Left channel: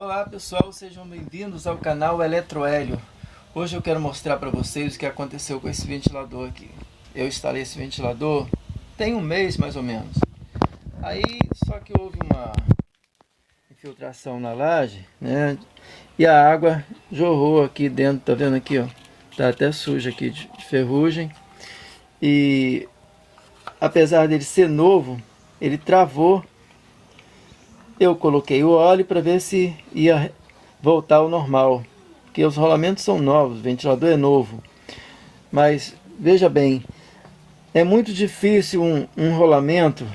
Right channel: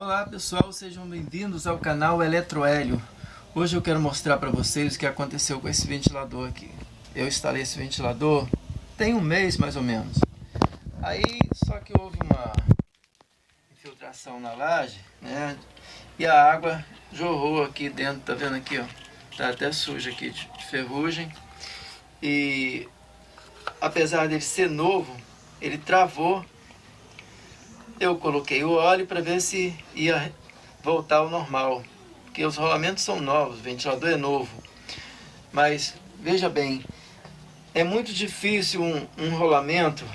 Olá pessoal, sejam bem-vindos ao canal Eletrohélio. Hoje eu quero mostrar para vocês o que aconteceu com esse ventilador aqui. Eu instalei esse ventilador tem um mês mais ou menos. Aí só que houve uma infiltração na laje, né? E a água jorrou aqui dentro, tá vendo aqui, ó? Tá até suja aqui de ferrugem. E apesar dele ser novo, ele travou. Eu coloquei o óleo para ver se ia voltar ao normal, porque os rolamentos são novos, o ventilador é novo. Mas veja bem, é muito difícil um rolamento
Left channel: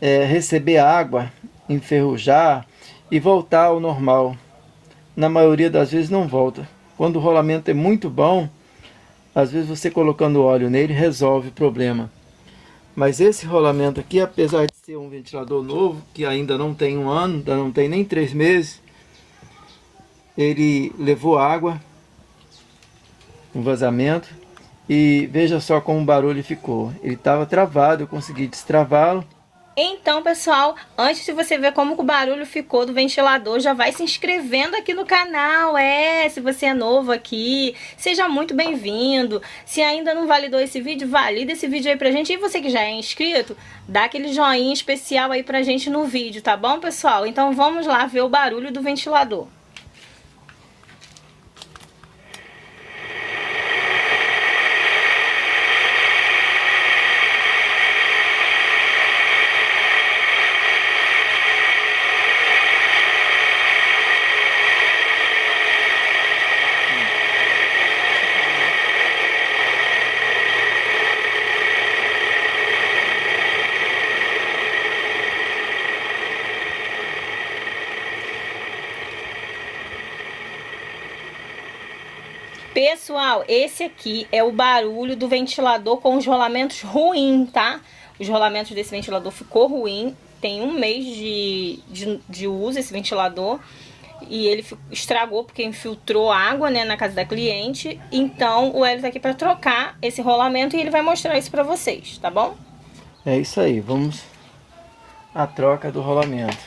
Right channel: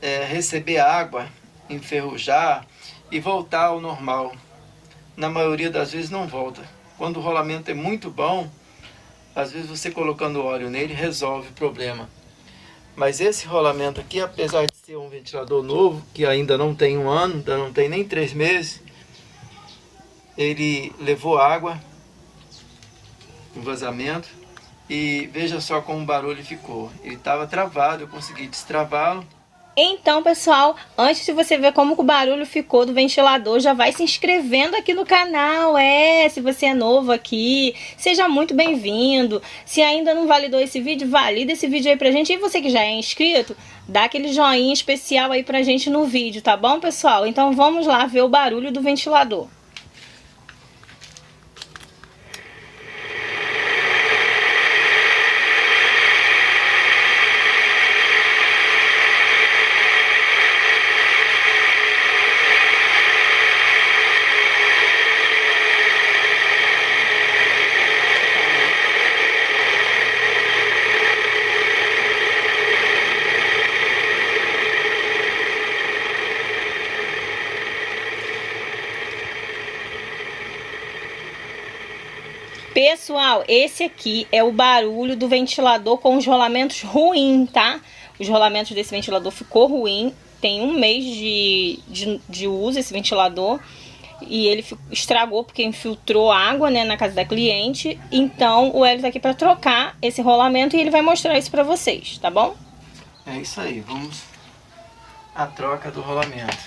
receber água, enferrujar e voltar ao normal. Na maioria das vezes não volta. Quando o rolamento é muito bom, às vezes você colocando óleo nele resolve o problema. Mas esse rolamento aqui, apesar de ser um ventilador novo, que ainda não tem um ano, ainda não tem nem 3 meses, ele levou água, um vazamento, e veja só como o barulho ficou. Ele estava travado, eu consegui destravá-lo. Então, pessoal, antes de você ver como o barulho ficou do ventilador, já vai se inscrevendo aqui no canal. Se você é novo aqui, seja muito bem-vindo. Se ainda não validou esse vídeo, valida esse vídeo aí pra gente. E você que já é inscrito, dá aquele joinha especial aí pra gente no vídeo, tá bom, pessoal? Então vamos lá ver o barulho do ventilador. Pessoal, esse aqui é o barulho do ventilador com os rolamentos ruins, tá? Os rolamentos desse ventilador ficou ruim. Tem um mês de uso esse ventilador. E ele estragou porque infiltrou água, né, na casa da cliente. Então o Hélio tá aqui para trocar esse rolamento e ele vai mostrar isso para vocês, tá bom? É isso aí, vamos à troca do rolamento.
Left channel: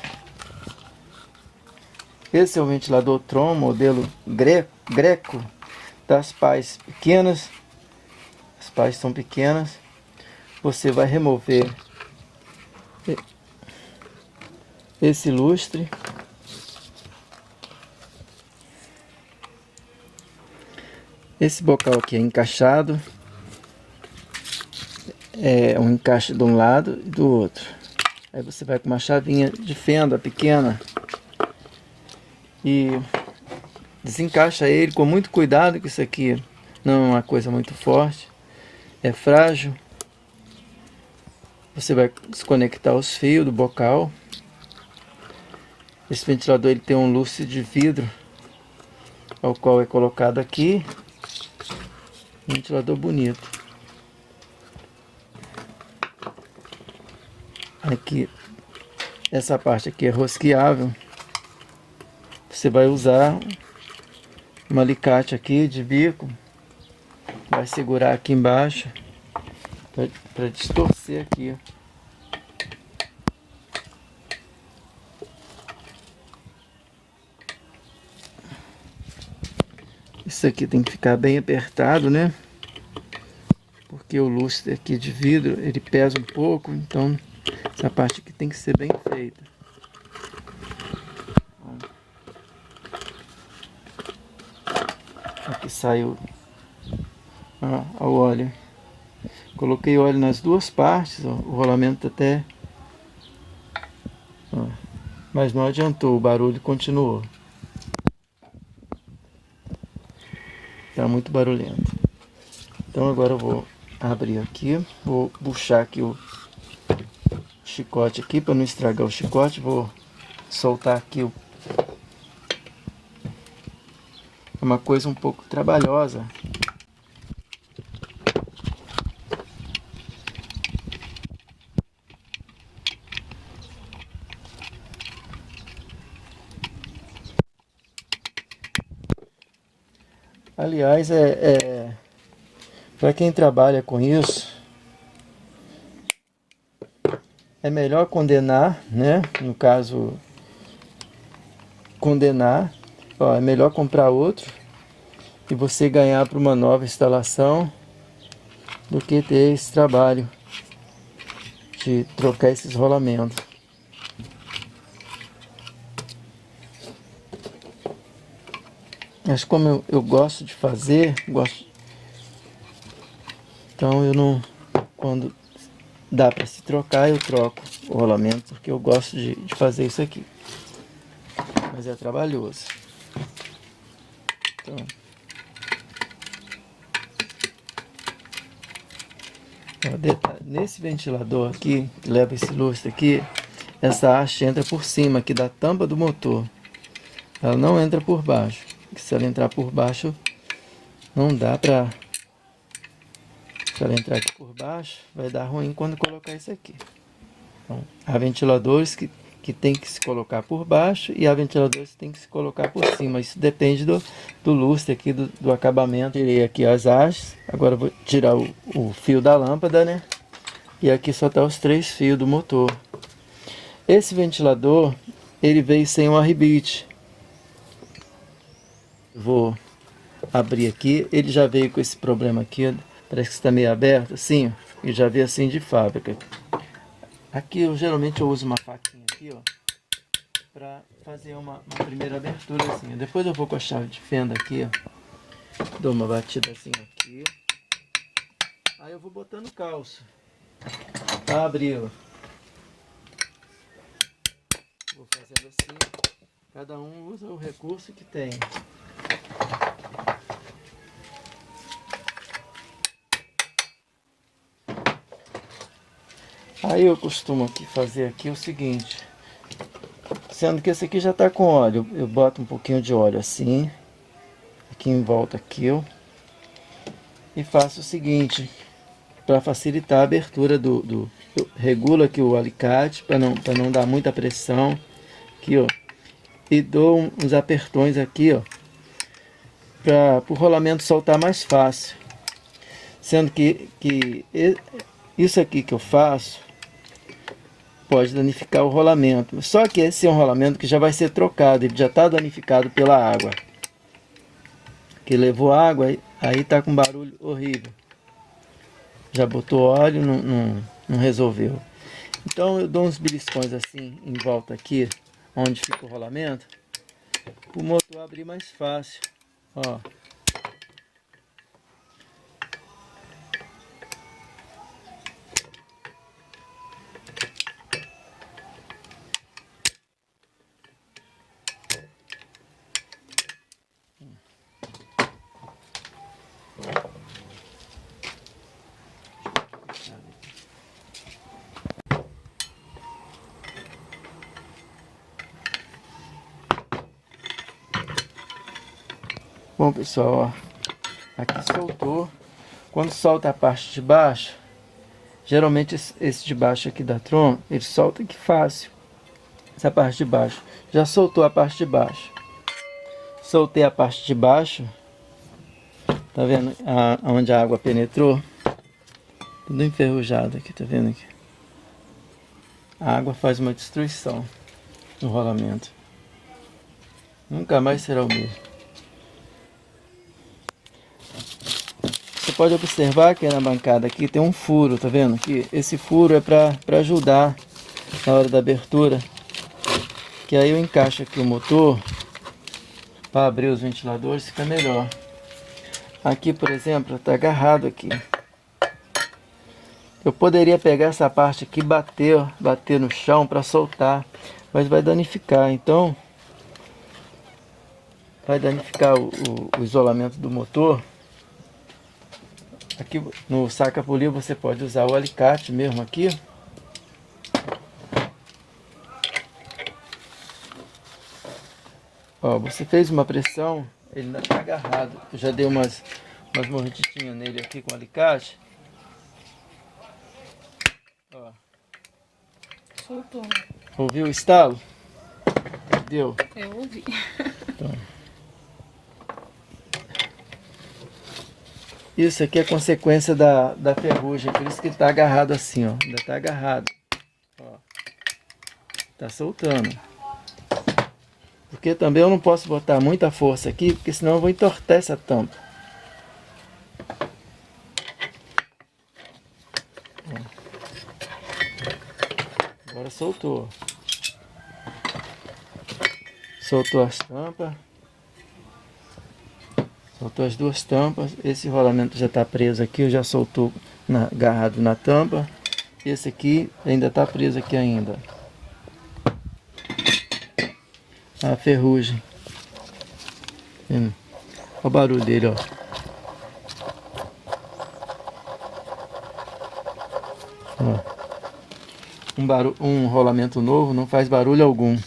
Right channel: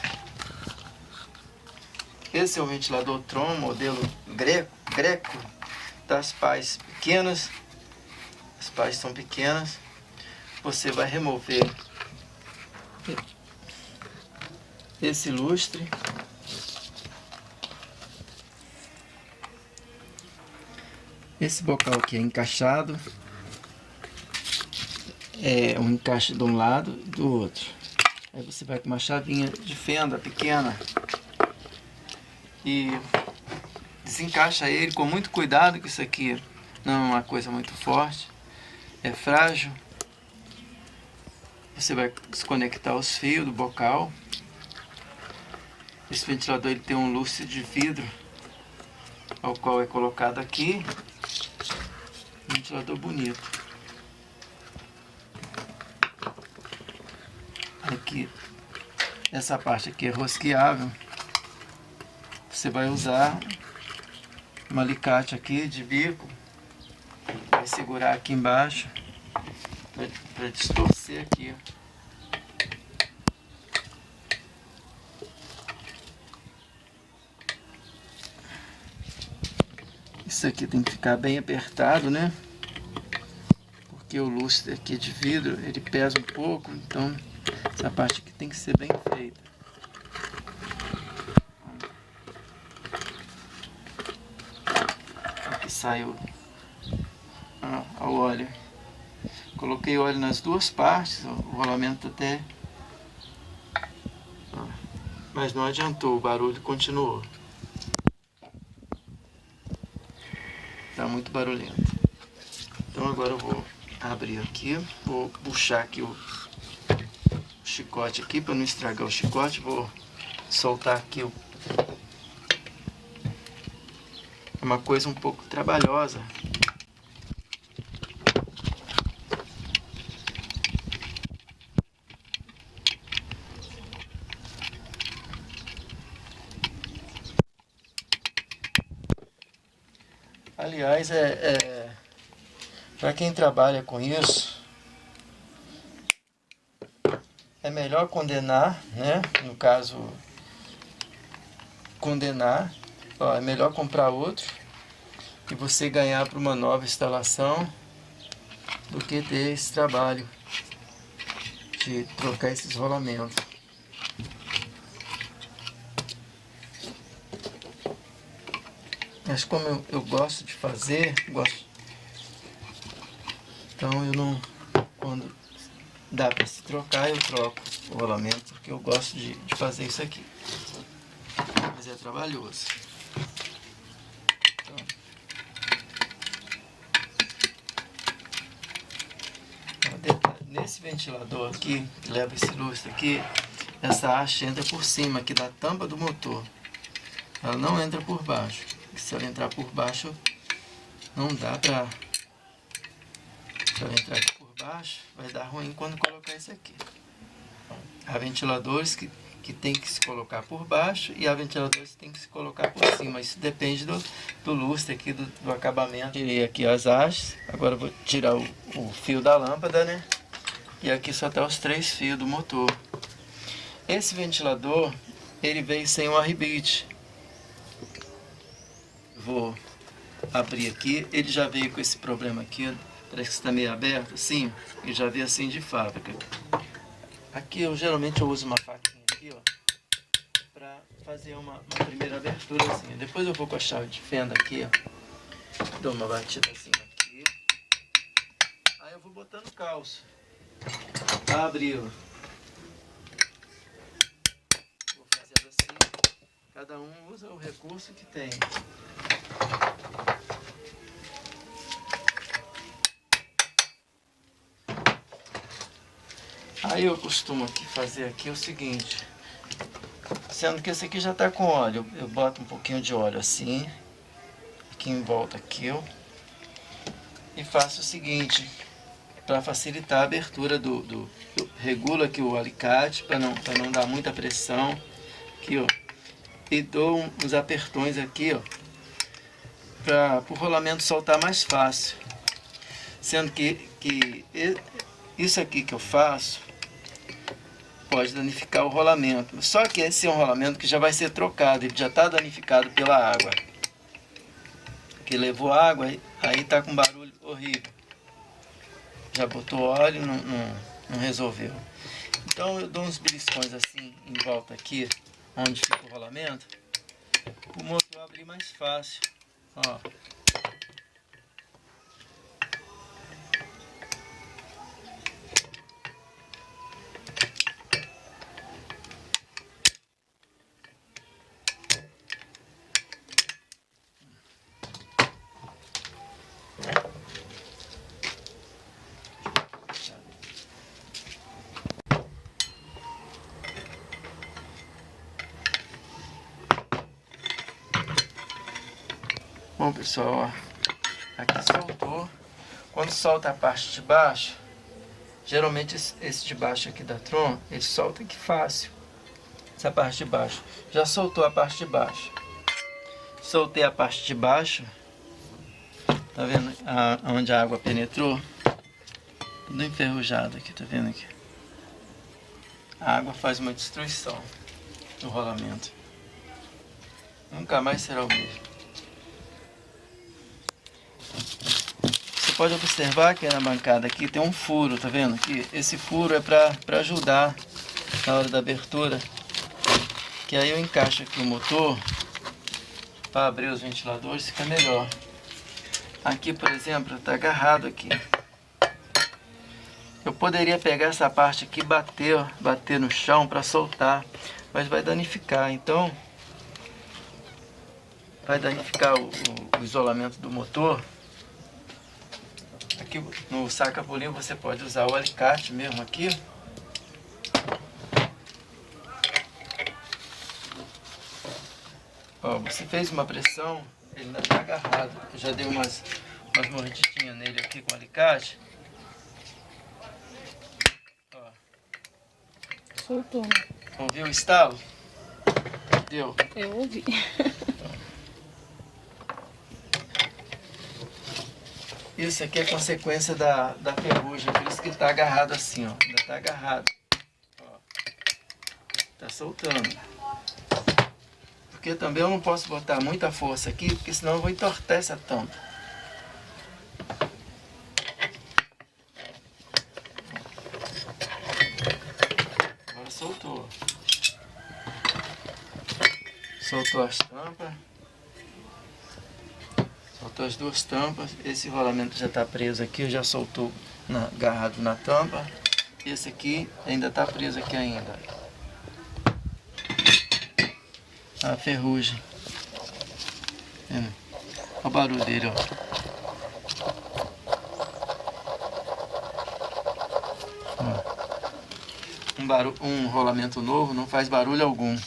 Esse é o ventilador Tron, modelo Greco, das pás pequenas. As pás são pequenas. Você vai remover esse lustre. Esse bocal aqui é encaixado. É um encaixe de um lado e do outro. Aí você vai com uma chavinha de fenda pequena e desencaixa ele com muito cuidado, que isso aqui não é uma coisa muito forte, é frágil. Você vai desconectar os fios do bocal. Esse ventilador ele tem um lustre de vidro, ao qual é colocado aqui. Ventilador bonito. Aqui, essa parte aqui é rosqueável. Você vai usar um alicate aqui de bico, vai segurar aqui embaixo para distorcer aqui. Isso aqui tem que ficar bem apertado, né? Porque o lustre aqui de vidro, ele pesa um pouco, então essa parte aqui tem que ser bem feita. Aqui saiu o óleo. Coloquei óleo nas duas partes, ó, o rolamento até... Ó, mas não adiantou, o barulho continuou. Tá muito barulhento. Então agora eu vou abrir aqui, vou puxar aqui o chicote aqui para não estragar o chicote. Vou soltar aqui é uma coisa um pouco trabalhosa. Aliás, para quem trabalha com isso, é melhor condenar, né? No caso, condenar. Ó, é melhor comprar outro e você ganhar para uma nova instalação do que ter esse trabalho de trocar esses rolamentos. Mas como eu gosto de fazer, então eu não, quando dá para se trocar, eu troco o rolamento, porque eu gosto de fazer isso aqui. Mas é trabalhoso. Então, nesse ventilador aqui, que leva esse lustre aqui, essa haste entra por cima aqui da tampa do motor. Ela não entra por baixo. Se ela entrar por baixo, não dá pra... Se ela entrar aqui por baixo, vai dar ruim quando colocar isso aqui. Então, há ventiladores que tem que se colocar por baixo e há ventiladores que tem que se colocar por cima. Isso depende do lustre aqui, do acabamento. Tirei aqui as hastes. Agora eu vou tirar o fio da lâmpada, né? E aqui só tá os 3 fios do motor. Esse ventilador, ele veio sem o arrebite. Vou abrir aqui. Ele já veio com esse problema aqui, parece que está meio aberto assim, e já veio assim de fábrica. Aqui geralmente eu uso uma faquinha aqui, ó, para fazer uma primeira abertura assim. Depois eu vou com a chave de fenda aqui, ó, dou uma batida assim aqui. Aí eu vou botando calço para abri-la. Vou fazendo assim. Cada um usa o recurso que tem. Aí eu costumo aqui fazer aqui o seguinte, sendo que esse aqui já está com óleo, eu boto um pouquinho de óleo assim, aqui em volta aqui, ó, e faço o seguinte, para facilitar a abertura regula aqui o alicate, para não dar muita pressão, aqui ó, e dou uns apertões aqui ó, para o rolamento soltar mais fácil, sendo que isso aqui que eu faço pode danificar o rolamento. Só que esse é um rolamento que já vai ser trocado, ele já está danificado pela água. Que levou água, aí tá com barulho horrível. Já botou óleo, não resolveu. Então eu dou uns beliscões assim em volta aqui, onde fica o rolamento, o motor abrir mais fácil. Ó. Bom pessoal, ó, aqui soltou. Quando solta a parte de baixo, geralmente esse de baixo aqui da Tron, ele solta aqui fácil. Essa parte de baixo, já soltou a parte de baixo. Soltei a parte de baixo, tá vendo onde a água penetrou? Tudo enferrujado aqui, tá vendo aqui? A água faz uma destruição no rolamento. Nunca mais será o mesmo. Você pode observar que na bancada aqui tem um furo, tá vendo? Que esse furo é para ajudar na hora da abertura. Que aí eu encaixo aqui o motor para abrir os ventiladores, fica melhor. Aqui, por exemplo, está agarrado aqui. Eu poderia pegar essa parte aqui e bater no chão para soltar, mas vai danificar. Então, vai danificar o isolamento do motor. Aqui no saca-polir você pode usar o alicate mesmo aqui. Ó, você fez uma pressão, ele ainda está agarrado. Eu já dei umas mordidinhas nele aqui com o alicate. Ó. Soltou. Ouviu o estalo? Deu? Eu ouvi. Então. Isso aqui é consequência da ferrugem, por isso que está agarrado assim, ó. Ainda está agarrado. Ó. Tá soltando. Porque também eu não posso botar muita força aqui, porque senão eu vou entortar essa tampa. Agora soltou. Soltou as tampas. Soltou as duas tampas. Esse rolamento já está preso aqui, já soltou agarrado na tampa. Esse aqui ainda está preso aqui ainda. A ferrugem. Olha o barulho dele, ó. Um rolamento novo não faz barulho algum.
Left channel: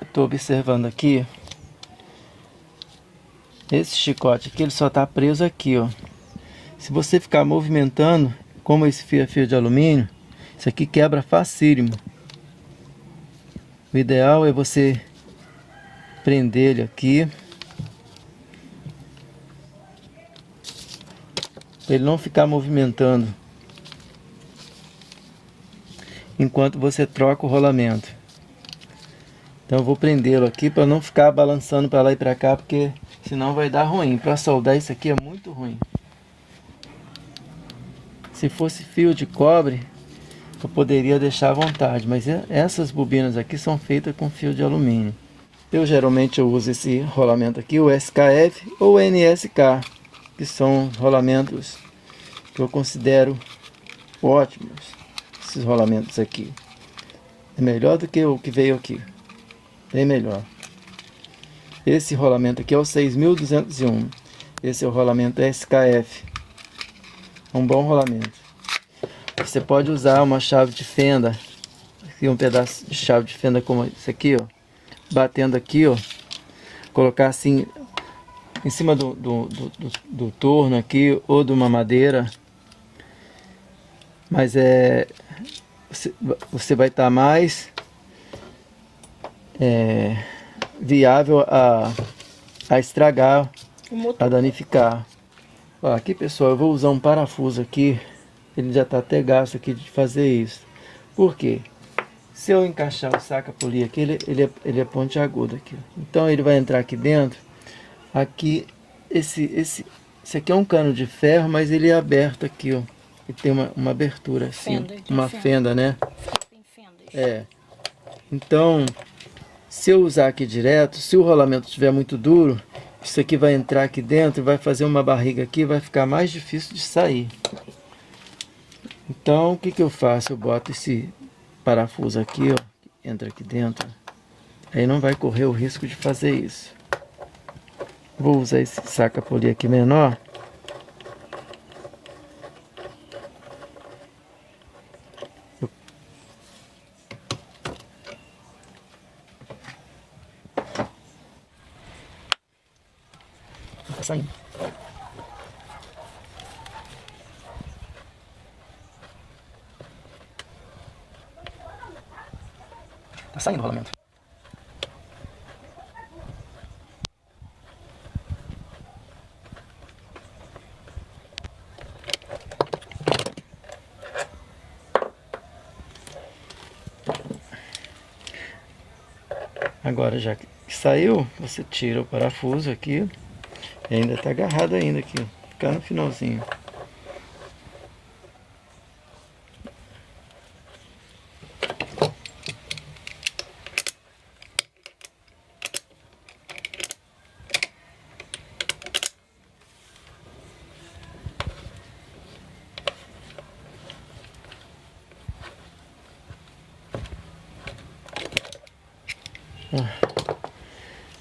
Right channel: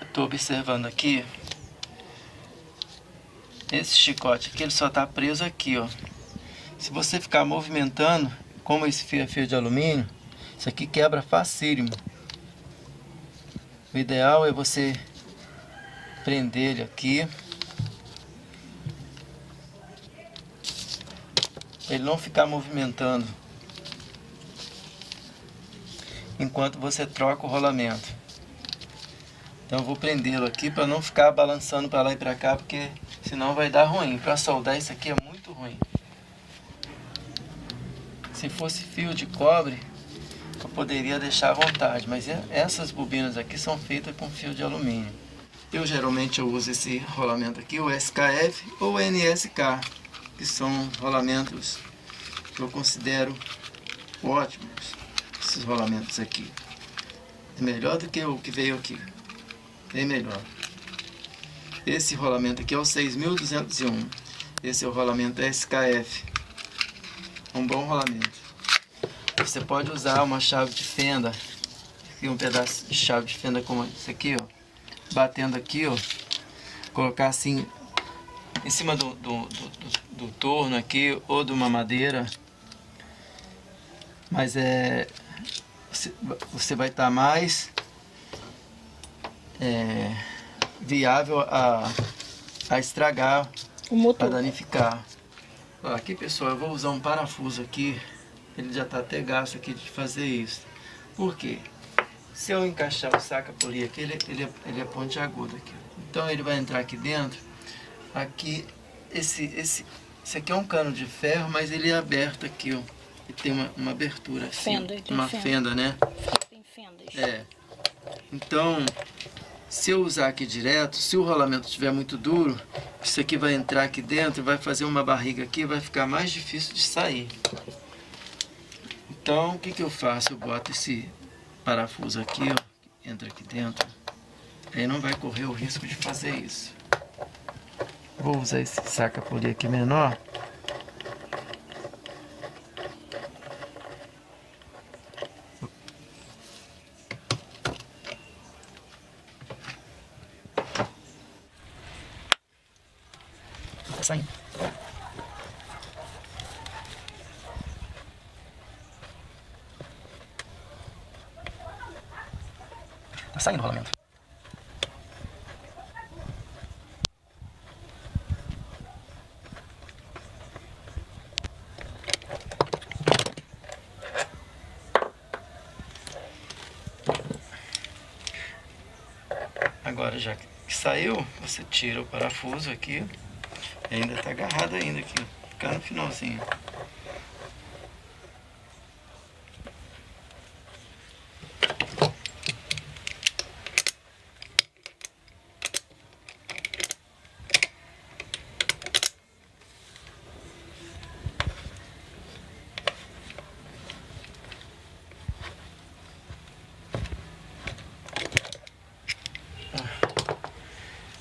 Estou observando aqui. Esse chicote aqui, ele só está preso aqui, ó. Se você ficar movimentando, como esse fio é fio de alumínio, isso aqui quebra facílimo. O ideal é você prender ele aqui, para ele não ficar movimentando enquanto você troca o rolamento. Então eu vou prendê-lo aqui para não ficar balançando para lá e para cá, porque senão vai dar ruim. Para soldar isso aqui é muito ruim. Se fosse fio de cobre, eu poderia deixar à vontade, mas essas bobinas aqui são feitas com fio de alumínio. Eu geralmente uso esse rolamento aqui, o SKF ou NSK, que são rolamentos que eu considero ótimos. Esses rolamentos aqui é melhor do que o que veio aqui, bem melhor. Esse rolamento aqui é o 6201. Esse é o rolamento SKF. Um bom rolamento. Você pode usar uma chave de fenda, aqui um pedaço de chave de fenda como esse aqui, ó, batendo aqui, ó, colocar assim em cima do torno aqui ou de uma madeira, mas você vai estar mais viável a estragar, o motor, a danificar. Ó, aqui pessoal, eu vou usar um parafuso aqui, ele já está até gasto aqui de fazer isso. Por quê? Se eu encaixar o saca-polir aqui, ele é pontiagudo aqui. Então ele vai entrar aqui dentro. Aqui, esse aqui é um cano de ferro, mas ele é aberto aqui, ó. Ele tem uma abertura assim, uma fenda, né? Tem fendas. Então, se eu usar aqui direto, se o rolamento estiver muito duro, isso aqui vai entrar aqui dentro, vai fazer uma barriga aqui, vai ficar mais difícil de sair. Então, o que que eu faço? Eu boto esse parafuso aqui, ó, entra aqui dentro. Aí não vai correr o risco de fazer isso. Vou usar esse saca-polir aqui menor. Tá saindo. Tá saindo o rolamento. Agora já que saiu, você tira o parafuso aqui. E ainda tá agarrado ainda aqui, ó. Ficar no finalzinho.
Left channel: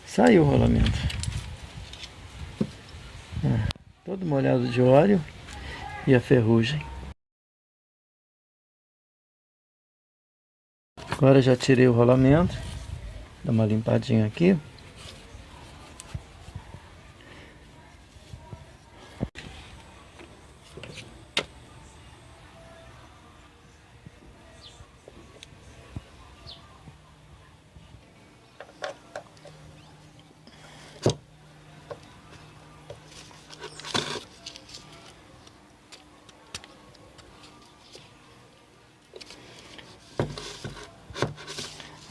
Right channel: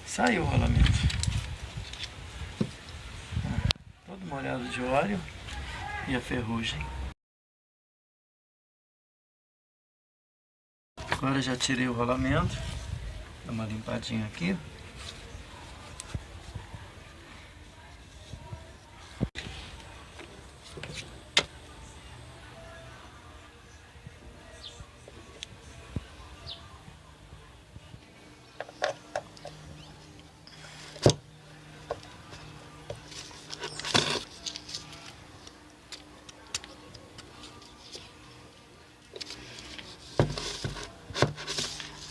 Saiu o rolamento. Todo molhado de óleo e a ferrugem. Agora já tirei o rolamento. Dá uma limpadinha aqui.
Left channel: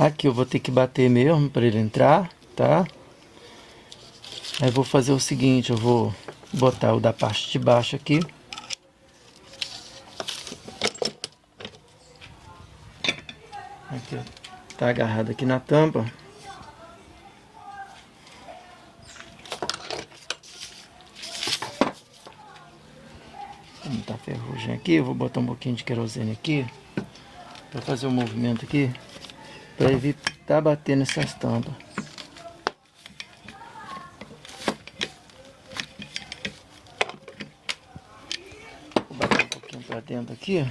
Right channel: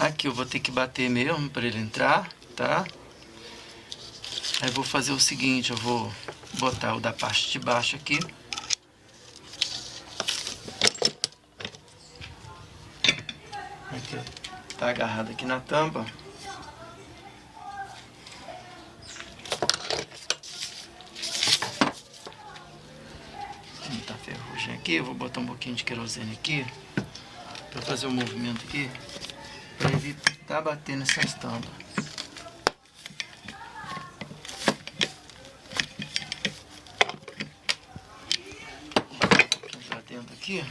Aqui eu vou ter que bater mesmo para ele entrar, tá? Aí vou fazer o seguinte, eu vou botar o da parte de baixo aqui. Aqui, tá agarrado aqui na tampa. Tá ferrugem aqui, eu vou botar um pouquinho de querosene aqui para fazer um movimento aqui para evitar bater nessas tampas. Vou bater um pouquinho para dentro aqui.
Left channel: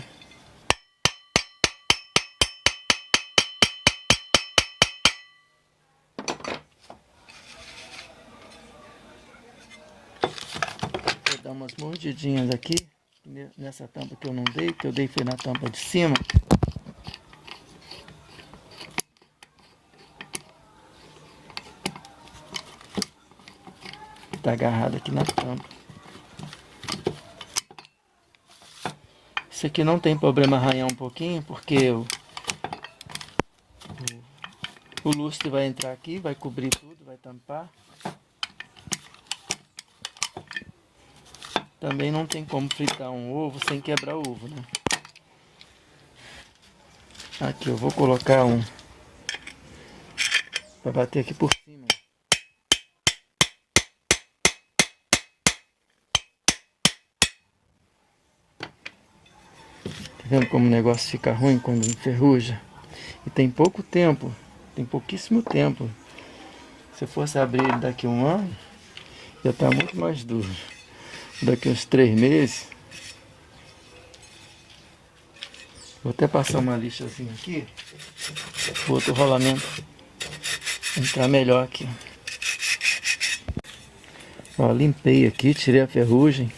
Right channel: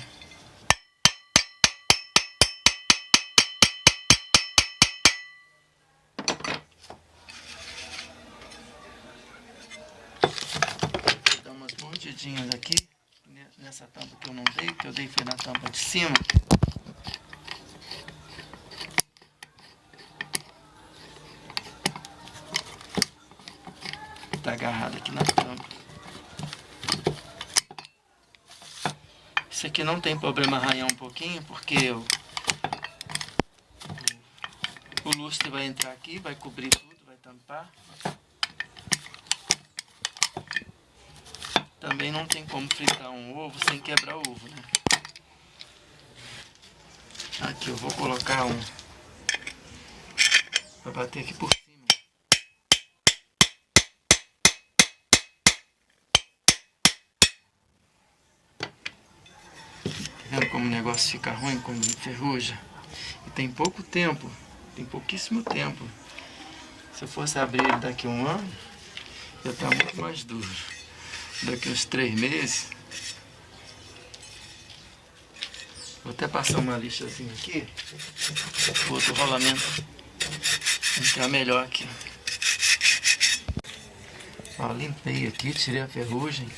Vou dar umas mordidinhas aqui nessa tampa que eu não dei, que eu dei foi na tampa de cima. Tá agarrado aqui na tampa. Esse aqui não tem problema arranhar um pouquinho, porque o lustre vai entrar aqui, vai cobrir tudo, vai tampar. Também não tem como fritar um ovo sem quebrar o ovo, né? Aqui eu vou colocar um para bater aqui por cima. Tá vendo como o negócio fica ruim quando enferruja? E tem pouco tempo, tem pouquíssimo tempo. Se eu fosse abrir ele daqui a um ano, já tá muito mais duro. Daqui uns 3 meses. Vou até passar uma lixazinha aqui. O outro rolamento entrar melhor aqui. Ó, limpei aqui, tirei a ferrugem.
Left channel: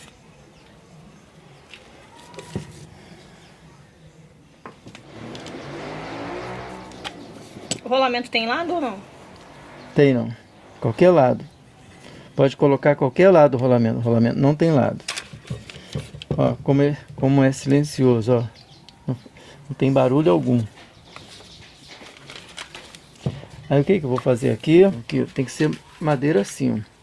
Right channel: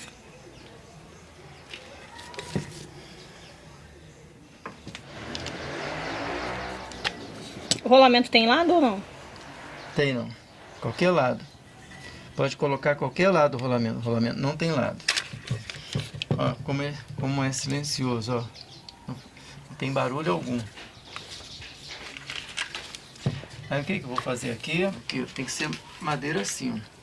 O rolamento tem lado ou não? Tem não. Qualquer lado. Pode colocar qualquer lado do rolamento. O rolamento não tem lado. Ó, como é silencioso, ó. Não tem barulho algum. Aí o que eu vou fazer aqui? Aqui tem que ser madeira assim, ó.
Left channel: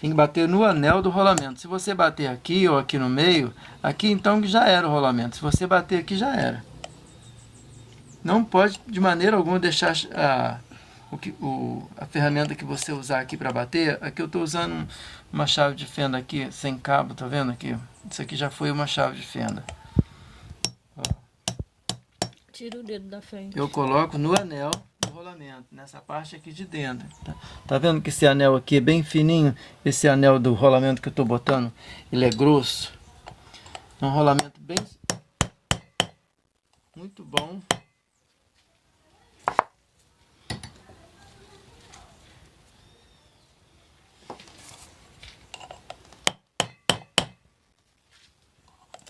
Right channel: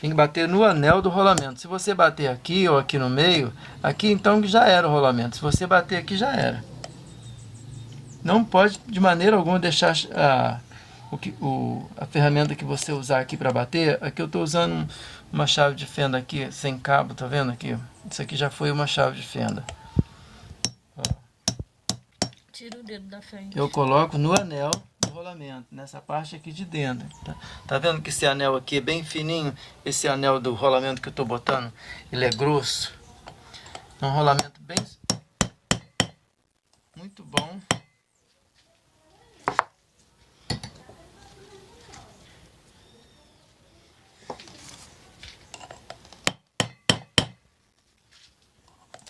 Tem que bater no anel do rolamento. Se você bater aqui ou aqui no meio, aqui então já era o rolamento. Se você bater aqui, já era. Não pode de maneira alguma deixar a ferramenta que você usar aqui para bater. Aqui eu estou usando uma chave de fenda aqui sem cabo, tá vendo aqui? Isso aqui já foi uma chave de fenda. Ó. Tira o dedo da frente. Eu coloco no anel do rolamento, nessa parte aqui de dentro. Tá vendo que esse anel aqui é bem fininho? Esse anel do rolamento que eu estou botando, ele é grosso. É um rolamento bem muito bom.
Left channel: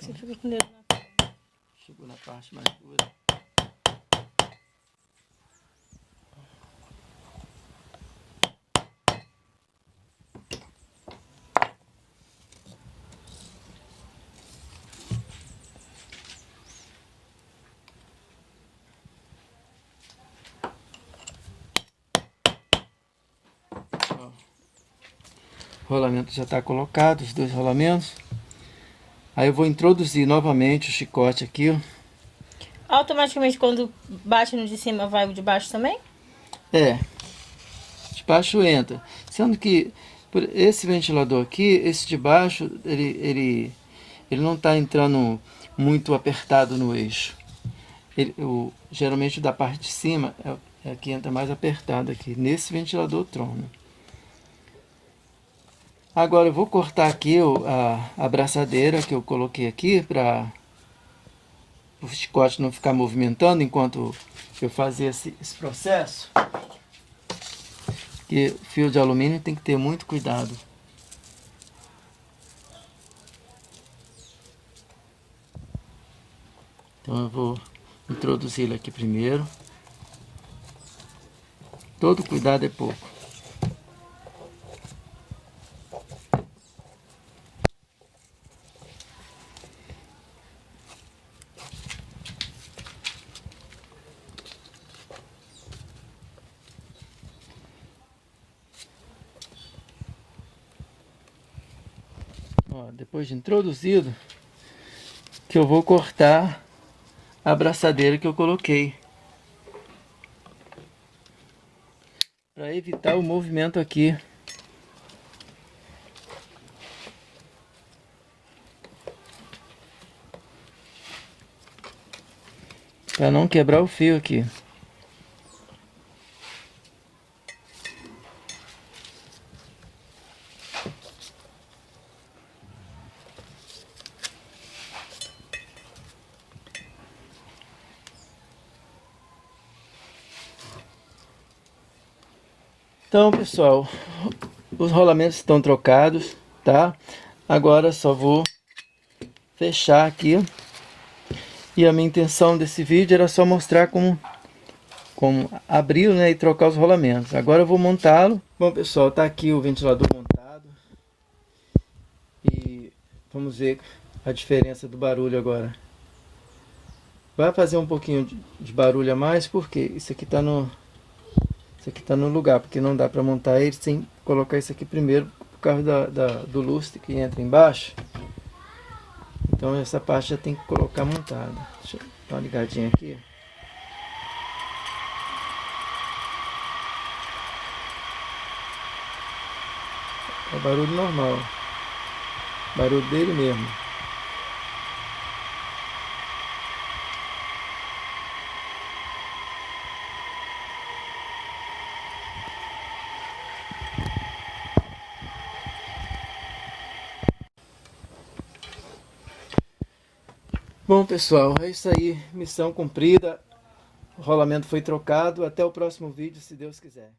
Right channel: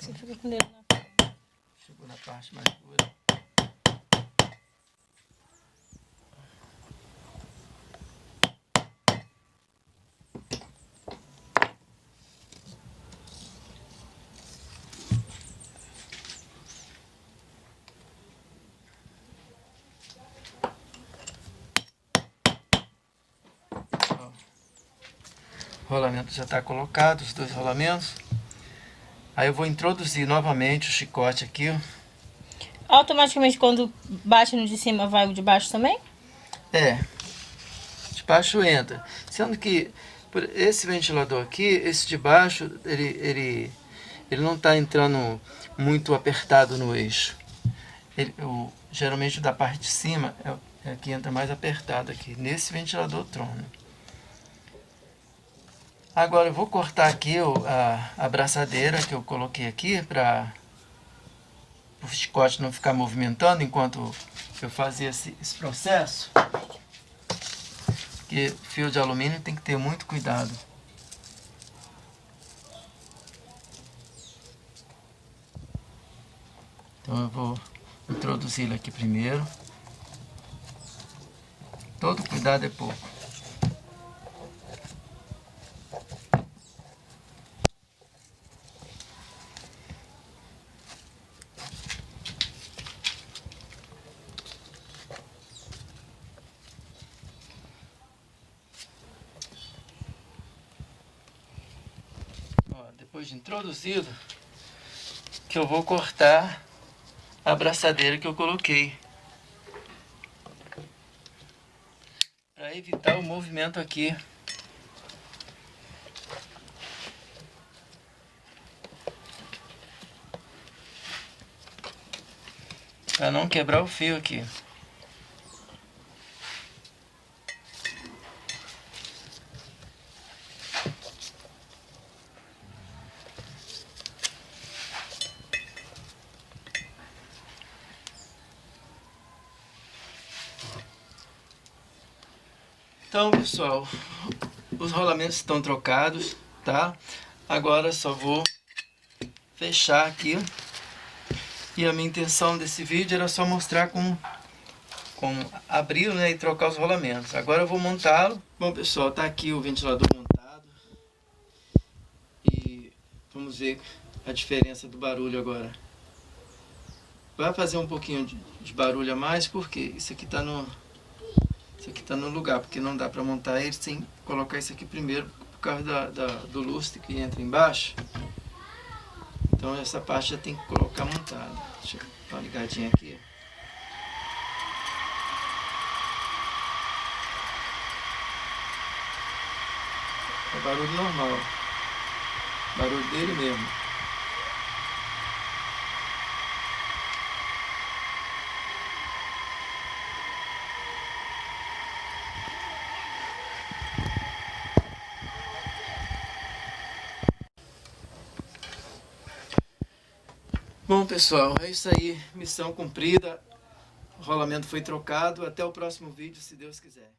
Você fica com o dedo na frente. Chegou na parte mais dura. O rolamento já está colocado, os dois rolamentos. Aí eu vou introduzir novamente o chicote aqui, ó. Automaticamente quando bate no de cima vai o de baixo também? É, de baixo entra. Sendo que por esse ventilador aqui, esse de baixo, ele não está entrando muito apertado no eixo. Geralmente o da parte de cima é que entra mais apertado aqui, nesse ventilador Tron. Agora eu vou cortar aqui a abraçadeira que eu coloquei aqui para o chicote não ficar movimentando enquanto eu fazia esse processo. Porque fio de alumínio tem que ter muito cuidado. Então eu vou introduzir ele aqui primeiro. Todo cuidado é pouco. Ó, depois de introduzido, que eu vou cortar a abraçadeira que eu coloquei, para evitar o movimento aqui. Para não quebrar o fio aqui. Então, pessoal, os rolamentos estão trocados, tá? Agora só vou fechar aqui. E a minha intenção desse vídeo era só mostrar como abrir, né, e trocar os rolamentos. Agora eu vou montá-lo. Bom, pessoal, tá aqui o ventilador montado. E vamos ver a diferença do barulho agora. Vai fazer um pouquinho de barulho a mais, porque isso aqui tá no lugar, porque não dá para montar ele sem colocar isso aqui primeiro, por causa do lustre que entra embaixo. Então essa parte já tem que colocar montada. Deixa eu dar uma ligadinha aqui. É barulho normal, barulho dele mesmo. Bom, pessoal, é isso aí, missão cumprida, o rolamento foi trocado. Até o próximo vídeo, se Deus quiser.